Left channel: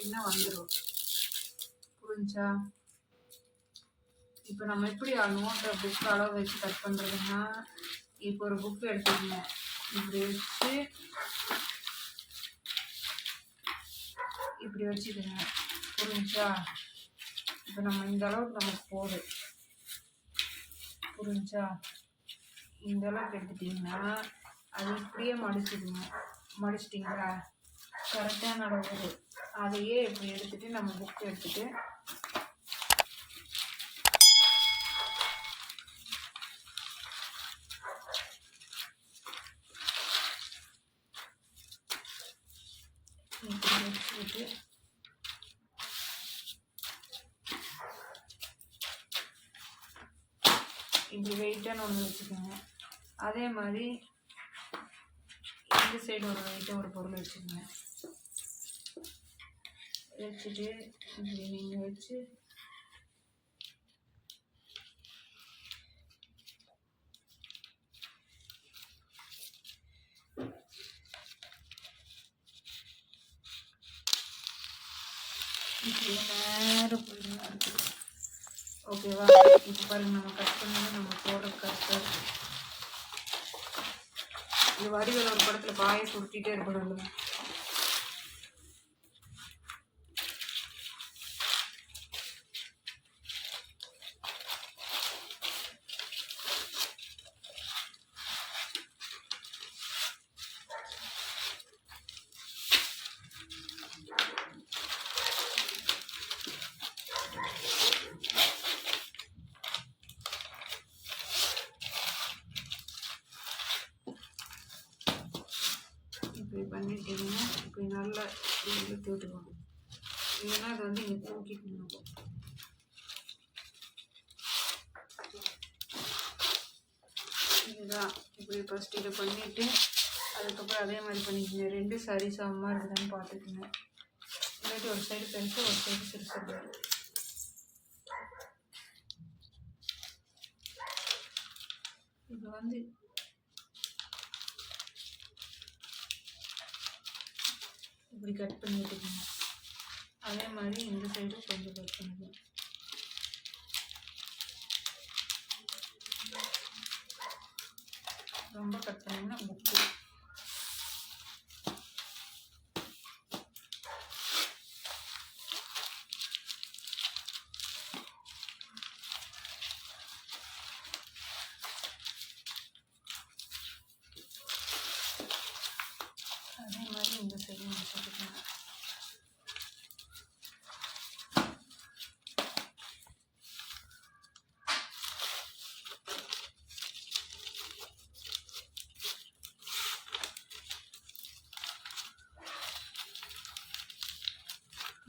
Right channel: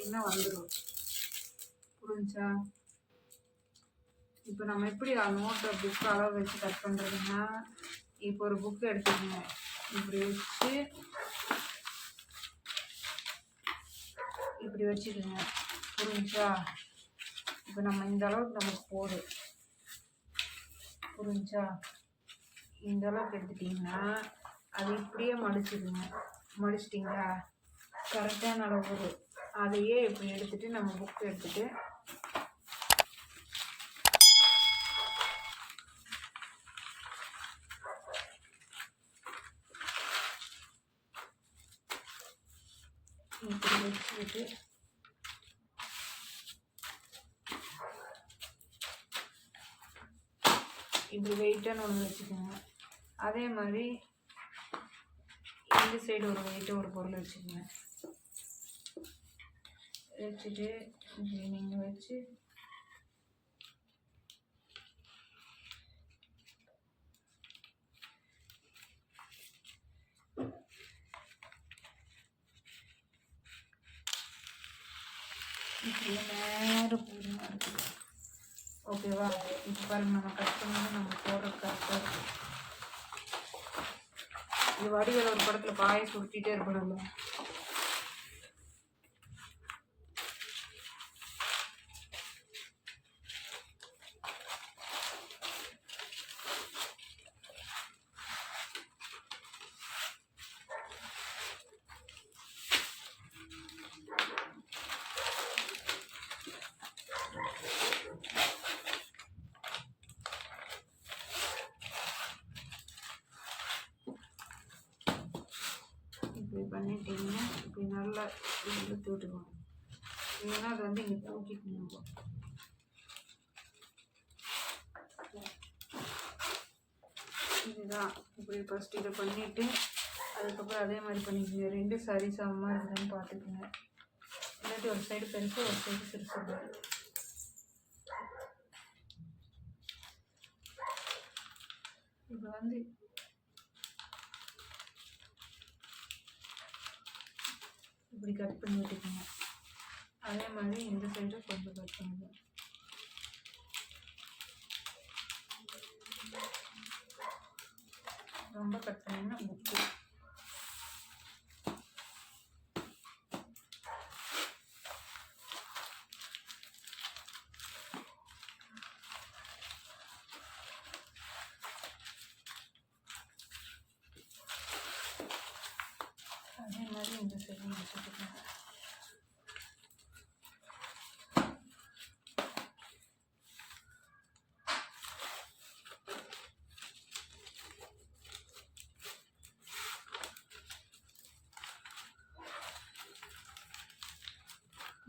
வச்சிட்டிங்கன்னா வந்துடும். புரிஞ்சா? இப்போ நம்ம எப்படி நோட்டை புக்கு அளவு வச்சு கட் பண்ணுறதுன்னா, இப்போ ஒரு புக்கு எடுத்துக்கோங்க, இப்படி வச்சு இப்படி வச்சுக்கோங்க. புரிஞ்சா? இப்போ நம்ம இந்த அளவுக்கு நமக்கு போதும். புரிஞ்சா? இந்த அளவுக்கு எடுத்துட்டிங்கன்னா அது இப்படியே மடிச்சிடுங்க. மடிச்சிட்டிங்களா? கரெக்டான அளவு வரும். அதையே இப்படி எடுத்துகிட்டு நம்ம புக்கு எடுத்துகிட்டு இப்படி வச்சுக்கிட்டு இப்படி வெயிட்டான ஒன்று வச்சுக்கோங்க. அதே மாதிரி இந்த சைடு ஒரு வெயிட்டாக ஒரு பொருள் வச்சுக்கோங்க. வச்சுட்டு இப்படி நீங்கள் வச்சு இப்படி நேரம் போயிடுங்க. இருக்குது ஓகேவா? இப்போ பாருங்கள், நம்ம கட் பண்ணது நம்ம போடுற கரெக்டாக இருக்குது. இது வடிவேல் ஒரு படத்தில் பாயை சுருட்டிகிட்டே இருப்பாங்கல்ல, இப்படி பண்ணிட்டீங்கன்னா இப்படி நல்லா இழுத்து விட்டுக்கணும். இல்லைன்னா அது வந்து இங்கே தூக்கிட்டு நிற்கும். இதுதான். இப்படி ஃபஸ்ட் இதை பண்ணிவிட்டு அதுக்கப்புறம் அதே மாதிரி பண்ணிக்கோங்க. ரெண்டு சரி சமமாக இருக்குதான்னு பார்த்துக்குங்க. இல்லாட்டி ஒரு சைடு பெருசு ஒரு சைடு சிறுசு. இப்போ வந்து இப்படி கட் பண்ணி விட்டுக்கோங்க. அதே மாதிரி இந்த சைடும் கொஞ்சம் கட் பண்ணிக்கோங்க. ரொம்ப கட் பண்ணிங்கன்னா புக்கு அதே மாதிரி இந்த சைடும் வச்சுக்கோங்க.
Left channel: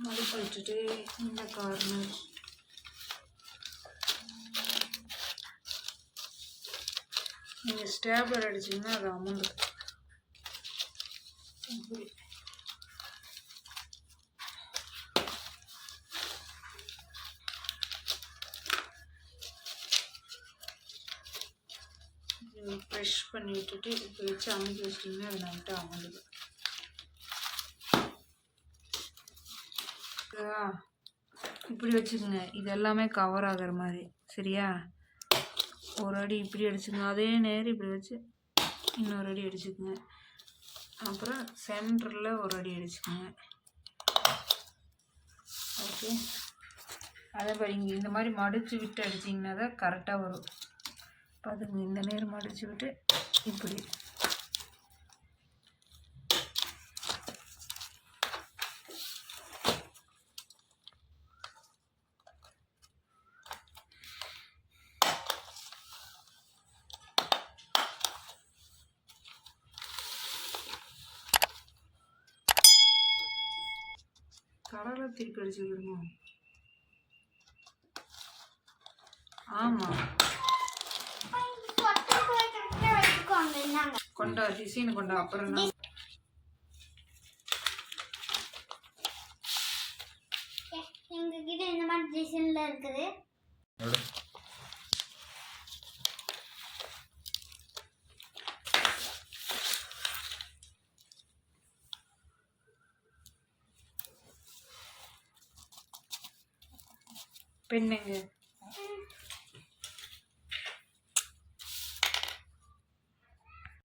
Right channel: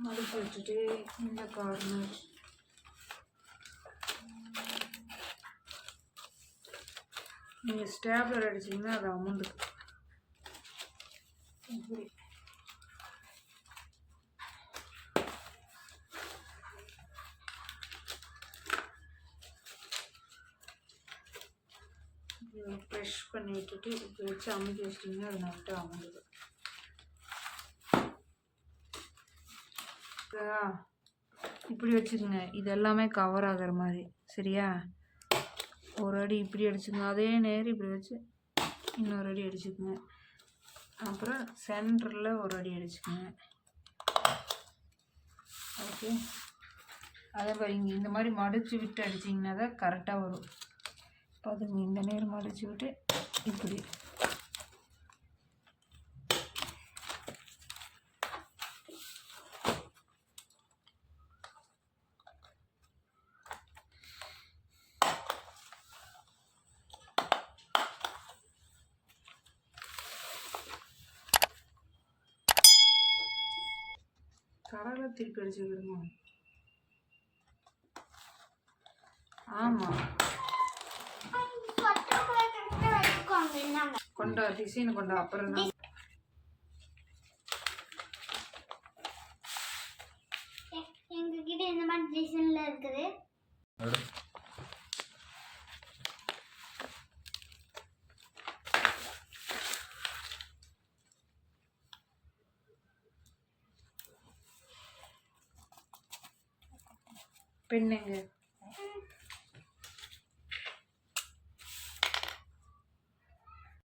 மடிச்சு விட்டுட்டு இந்த கார்னர் நீங்கள் ஸ்டேப்லர் அடிச்சிங்கன்னா அது அமௌண்ட் இப்படி ப்ரெஷ் பண்ணி விட்டுட்டு இப்போ வச்சு அமைக்க வச்சிட்டிங்கன்னா அது நம்மகிட்ட அமௌண்ட். இப்படி வச்சுக்கோங்க. இது எல்லாமே கவர் ஆகிற மாதிரி. சரியா? ஒரு அடி இப்படி அடிச்சுக்கோங்க. அதே நேரம் இப்படி வச்சு இன்னொரு அடி அடிச்சுக்கோங்க. அப்புறம் சென்டரில் ஒரு அடி அடிச்சுக்கோங்க. ஓகே. அதே மாதிரி இங்கே இந்த மாதிரி மடித்து விட்டு அடிச்சிங்கன்னா தான் கரெக்டாக வரும். பார்த்துங்க, இந்த நேரம் மடித்து விட்டு இப்படி கடலை திருப்பி அடிச்சுக்கிடுங்க. ஆமாம், கொண்டா டிசைன் கொண்டா. அப்புறம் தான் எங்ககிட்ட இந்த மாதிரி டிசைன்ல இருக்குது. பெண்ணுங்க